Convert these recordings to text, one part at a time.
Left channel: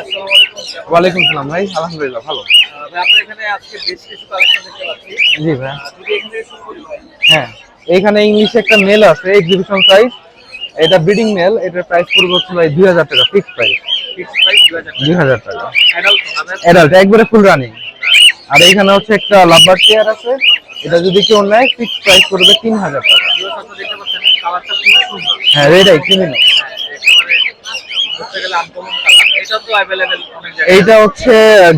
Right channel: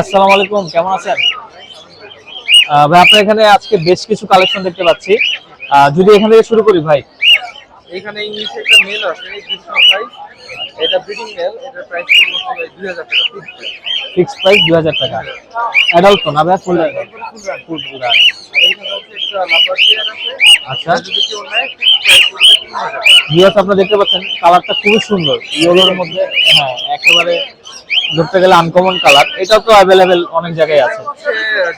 আসসালামু আলাইকুম কেমন আছেন? ওয়ালাইকুম সালাম ভাই আলহামদুলিল্লাহ ভালো। ভাই আপনার এখানে আজকে বেশ কিছু কালেকশন দেখতে পাচ্ছি। জি ভাই। যদি এখান থেকে শুরু করি ভাই হ্যাঁ। এখানে ইংলিশে একটা মেল আছে এক্সিবিশন প্রাইস এটা ব্রিডিং মেল এটার প্রাইস পড়বে হচ্ছে ভাই দুই হাজার টাকা ফিক্স প্রাইস ফিক্স প্রাইস দুই হাজার দুই টাকা হাজার টাকা। অ্যাডাল্ট তো না ভাই? একবারে ফুল রানিং আর এখানে হচ্ছে একটা লাভবার চেয়ার আছে। এটা যদি কেউ নেয় ফিক্স প্রাইস তিন হাজার টাকা। ভিউয়ার্স আপনারা দেখতে পাচ্ছেন কালারটা খুবই সুন্দর। হ্যাঁ, হ্যাঁ একেবারে ধরতে গেলে আনকমন কালার এটাও তো অ্যাভেলেবেল অনেক জায়গায় এইটা হচ্ছে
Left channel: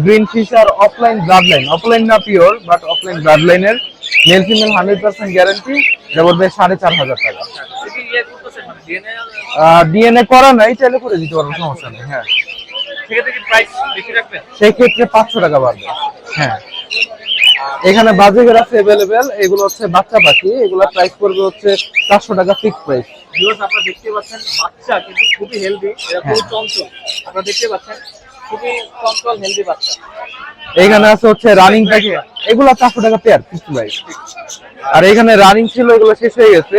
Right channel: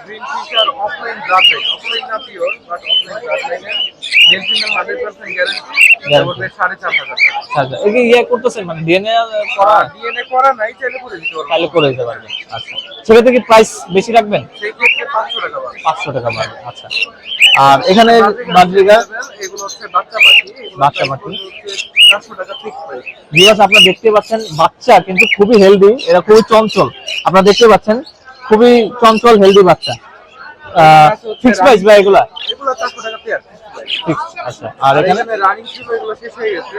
গ্রিন ফিশার অফলাইন অফলাইন না pure but opaline ব্লাডলাইনের male female hundred percent guarantee এটা সাড়ে চার হাজার টাকা। আচ্ছা ইয়ে করতেছেন মানে ডিএনএ ডিএনএ করা নাই চাইলে করে দিতে পারব তাহলে করে দেবেন হ্যাঁ। আচ্ছা। সেক্ষেত্রে কি প্রাইস বেশি রাখবেন? সেই ক্ষেত্রে পাঁচশো টাকা বাড়বে পাঁচশো টাকা হ্যাঁ। আচ্ছা। আর এখানে এগুলো হচ্ছে বাচ্চা পাখি এগুলো প্রাইস করবে হচ্ছে চারশো টাকা ফিক্স প্রাইস ভিউয়ার্স আপনারা দেখতে পাচ্ছেন বাচ্চা কিন্তু খুবই হেলদি এরা খুবই হ্যাঁ। চঞ্চল। আপনারা দেখতে পাচ্ছেন খুবই চঞ্চল হেলদি বাচ্চা। এখানে আছে হচ্ছে রানিং price এগুলো? টাকা পেয়ার ফিক্স প্রাইস আচ্ছা। আর এখানে রানিং ছিল এগুলো শেষ হয়ে গেছে।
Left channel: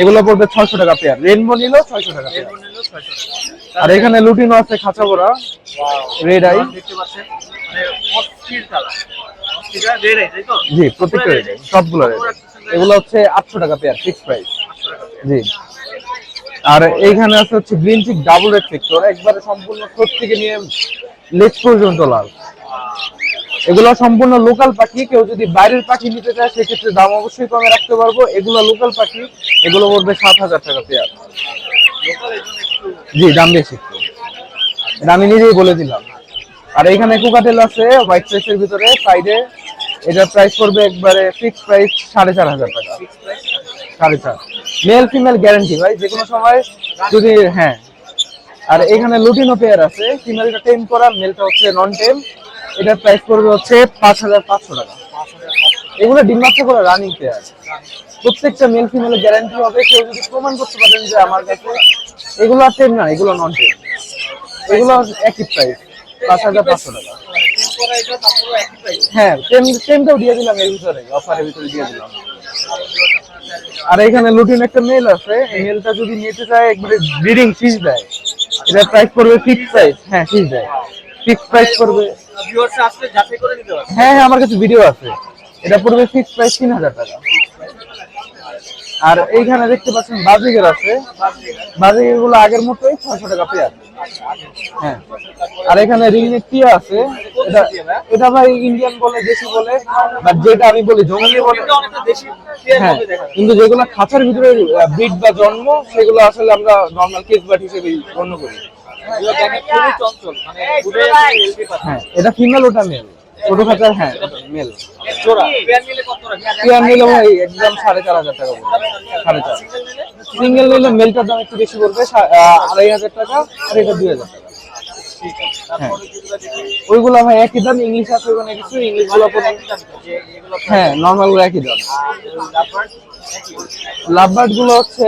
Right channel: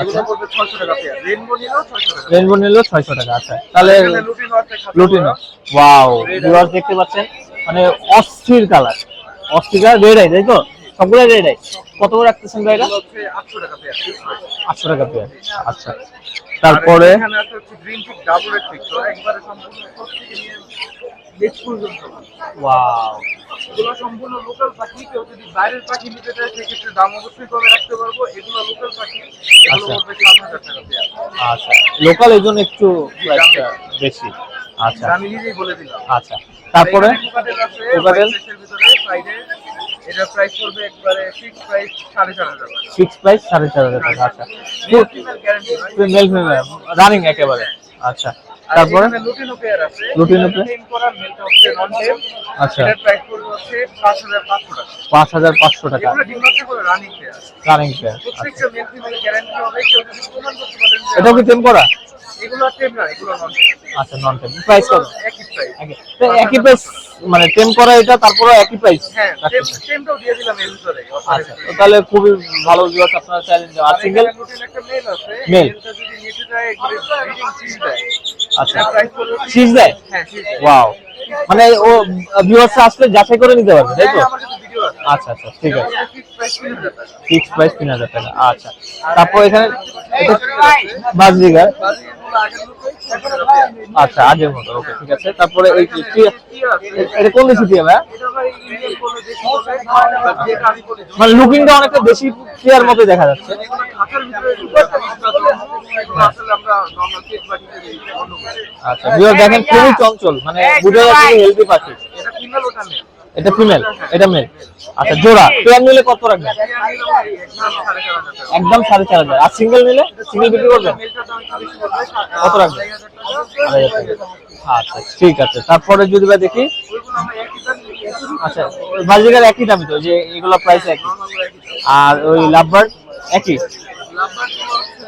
এগুলো পড়বে টাকা পেয়ার রেনবো নিল ছয়শো টাকা রেনবো নিলো ছয়শো টাকা আচ্ছা। তাহলে এখানে লুটিনো আছে লুটিনো। Wow red. দেখতে পাচ্ছেন মানে অস্থির কালার অস্থির রেড আই তাই তো? জি সবগুলো রেড আই সবগুলো কত করে রাখতেছেন ভাই এগুলো হচ্ছে আটশো টাকা পেয়ার ফিক্স প্রাইস 800 টাকা পেয়ার। জি আচ্ছা। তারপরে এখানে আছে হচ্ছে গ্রিন ডাবল রেড একবারে সম্পূর্ণ ঠোঁট থেকে নিয়ে লেজ পর্যন্ত লাল। ওয়াও। এগুলো সম্পূর্ণ লোকাল পাখি কেউ যদি বাইরের পাখি নিতে চায় সেক্ষেত্রে দাম অবশ্যই কমে রাখতে পারব। এগুলো লোকাল পাখি এগুলো পড়বে সাত হাজার টাকা পেয়ার। আচ্ছা। লোকাল এর জন্য একটু জি দাম বেশি। বেশি। আচ্ছা। আমি নিজেই বলে দিলাম। আচ্ছা। আর এখানে কুকাটেল আছে হোয়াইট ফেসের ভিতরে সাইডে এটার প্রাইস পড়বে একবারে ফিক্স প্রাইস সাড়ে চার হাজার টাকা। ফিক্স প্রাইস সাড়ে চার হাজার সাড়ে চার মেল ফিমেল গ্যারান্টি ভাই রানিং হ্যাঁ। আচ্ছা। আর এখানে লুটিনো পেয়ার আছে। লুটিনো? টেম করা মেলটা হচ্ছে নন টেম আচ্ছা। এটার প্রাইস পড়বে হচ্ছে পাঁচ হাজার পাঁচশো টাকা। পাঁচ হাজার পাঁচশো টাকা। এগুলো ডিম বাচ্চা করে রানিং পেয়ার রানিং পেয়ার প্রত্যেকটা মেল ফিমেল গ্যারান্টি হবে। কেউ যদি প্রমাণ করতে পারেন যে এটা কি টেম করা? এগুলো আর টেম না এগুলো নন টেম আচ্ছা নন টেম প্রাইস একই প্রাইস একই প্রাইস মানে টেম করা এটা তারপরে একই প্রাইস হ্যাঁ টেম টেমটাও দিয়ে দিলাম এর ভিতরে অফারের ভিতরে। দিয়ে তাহলে খুবই ভালো জিনিস আপনারা চাইলে আর এখানে লুটিন একটা মেল আছে। মেলটা যদি নিতে চায় একবারে ব্রিডিং ফিস দেয়। আচ্ছা। প্রাইস পড়বে ফিস দেয়? হ্যাঁ ফিস দেয়। ওয়াও ও ভিউয়ার্স আসলে যাচাই করে নিতে পারবে হ্যাঁ হ্যাঁ আমার কাছে ভিডিও আছে। আচ্ছা আচ্ছা এটা পড়বে ফিক্স প্রাইস তিন হাজার টাকা। ফিক্স প্রাইস তিন হাজার টাকা আচ্ছা। আর তারপর এখানে এখানে দেখতে পাচ্ছেন বাজিগার আছে। বাজরিগার বাজিগার। গুলো আগের মতোই ছয়শো টাকা পেয়ার আচ্ছা আগের মতো হ্যাঁ। ঠিক আছে। তারপরে আর এখানে রিংয়ের টিয়া আছে এটা কোন দেশি টিয়া ভাই? এটা ভাই ইন্ডিয়ান বলে দেশি বলে। বাট যেটা আমি বলি মানে লুকিংটা অনেকটা মতো দেখা যাচ্ছে। কিন্তু যেগুলো খাঁচার ভিতরে ব্রিড বা জন্ম সেগুলো আসলে আমরা নর্মাল কেস বাট হিসেবে গণ্য করি। আচ্ছা ভিউয়ার দেখেন খুবই চঞ্চল মানে বুঝে হেলদি পাখি। হ্যাঁ এটা ফিমেল ওটা মেল এটা ফিমেল হ্যাঁ এটা মেল মেল আচ্ছা জোড়া। পেয়ার নিলে কত রাখবেন? টিয়ার নিলে ভাই একদম সাড়ে চার হাজার টাকা। একদম সাড়ে চার হাজার। আর সিঙ্গেল নিলে? সিঙ্গেল নিলে মেলটার দাম একটু বেশি বলবে সা- কত রাখবেন? আড়াই হাজার টাকা এটা দুই হাজার। আচ্ছা ঠিক আছে। তারপরে যদি ভাই দেখি? ওইগুলো ভাই একই দাম ইংলিশ আছে আচ্ছা। একই দাম তো যে এগুলো প্রাইস হ্যাঁ নর্মালগুলো একই দাম। আর ওই লাভবার্ড একই। লাভবার্ডগুলো হচ্ছে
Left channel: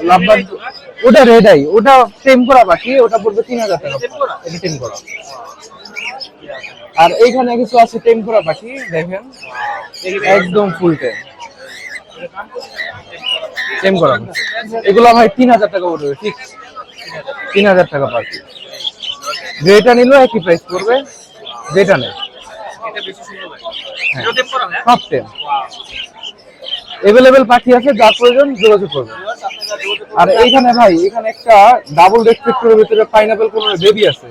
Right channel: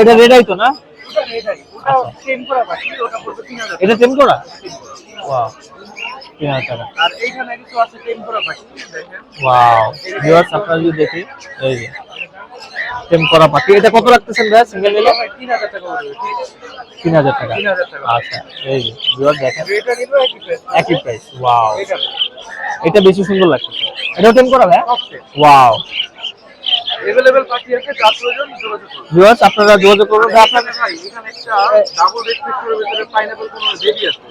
এটা রেডাই। তো না? ওটা রেডাই। ওটা টেম করা বাকি ওটা পড়বে তিন হাজার এটা। টেম করা? এটা টেম করা। আর এইখানে কিছু আছে টেম করা বাকি দেখেন। ওয়াও একদম full দেখি। এই যে। টেম করা পাখি এটা কত করা। রাখতেছেন ভাই এগুলো ভাই তিন হাজার টাকা পড়বে। তিন হাজার টাকা। তিন হাজার টাকা আচ্ছা এই যে ভিউয়ার দেখেন। যেটা নিল একই প্রাইস একই প্রাইস ওয়াও যেটা এটা বেশি সুন্দর লাগছে। এটাও টেম করা ভাই? সব টেম ওয়াও এভেলেবেল পাখি আছে যা প্রয়োজন যোগাযোগ করবে ভিউয়ার্স আপনারা যোগাযোগ আর করুন এইখানে ভাই এখানে একটা ডাবল রেসপেক্টরের ভিতরে পাইনাপল কোন বেবি আছে।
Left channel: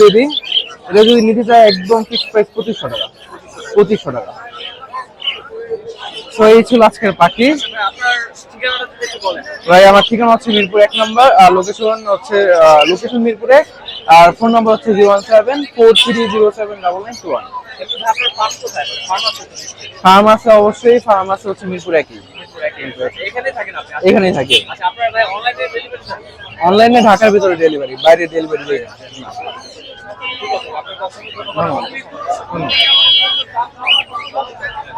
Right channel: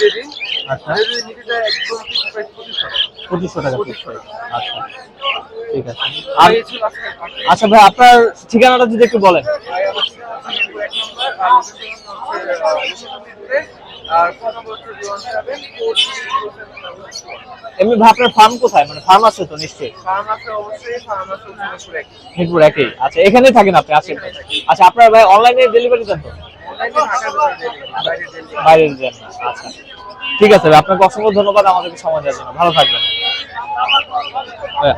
বেবি আচ্ছা। যদি নিতে চায় একদম ফিক্স প্রাইস পঁচিশশো টাকা। পঁচিশশো টাকা। পঁচিশশো টাকা। আচ্ছা। এই ছিল আজকের পাখি। আচ্ছা ভাই আপনার ঠিকানাটা যদি একটু বলেন। ভাই আমার ঠিকানা হচ্ছে মিরপুর এক নম্বর আর লোকেশন হচ্ছে লোকেশন মিরপুরে। আর ফোন নাম্বার হচ্ছে zero one seven four three zero seven double nine two one এমনি আপনার ফার্ম কোথায়? মানে ফার্ম আছে তো নিশ্চয়ই? ফার্ম আছে অবশ্যই ফার্ম আছে হচ্ছে মিরপুর একই। মিরপুর একই। আচ্ছা এখানেই থাকেন আপনি? এখানেই থাকি। আচ্ছা আপনার ভাই অনলাইনে ডেলিভারি দেন অনলাইনে ঢাকার ভিতরে ডেলিভারি বাইরে ডেলিভারি বাইরে আচ্ছা। ঠিক আছে ভাই আপনাকে অসংখ্য ধন্যবাদ আমাদেরকে সময় দেওয়ার জন্য। ভালো থাকবেন। হ্যাঁ।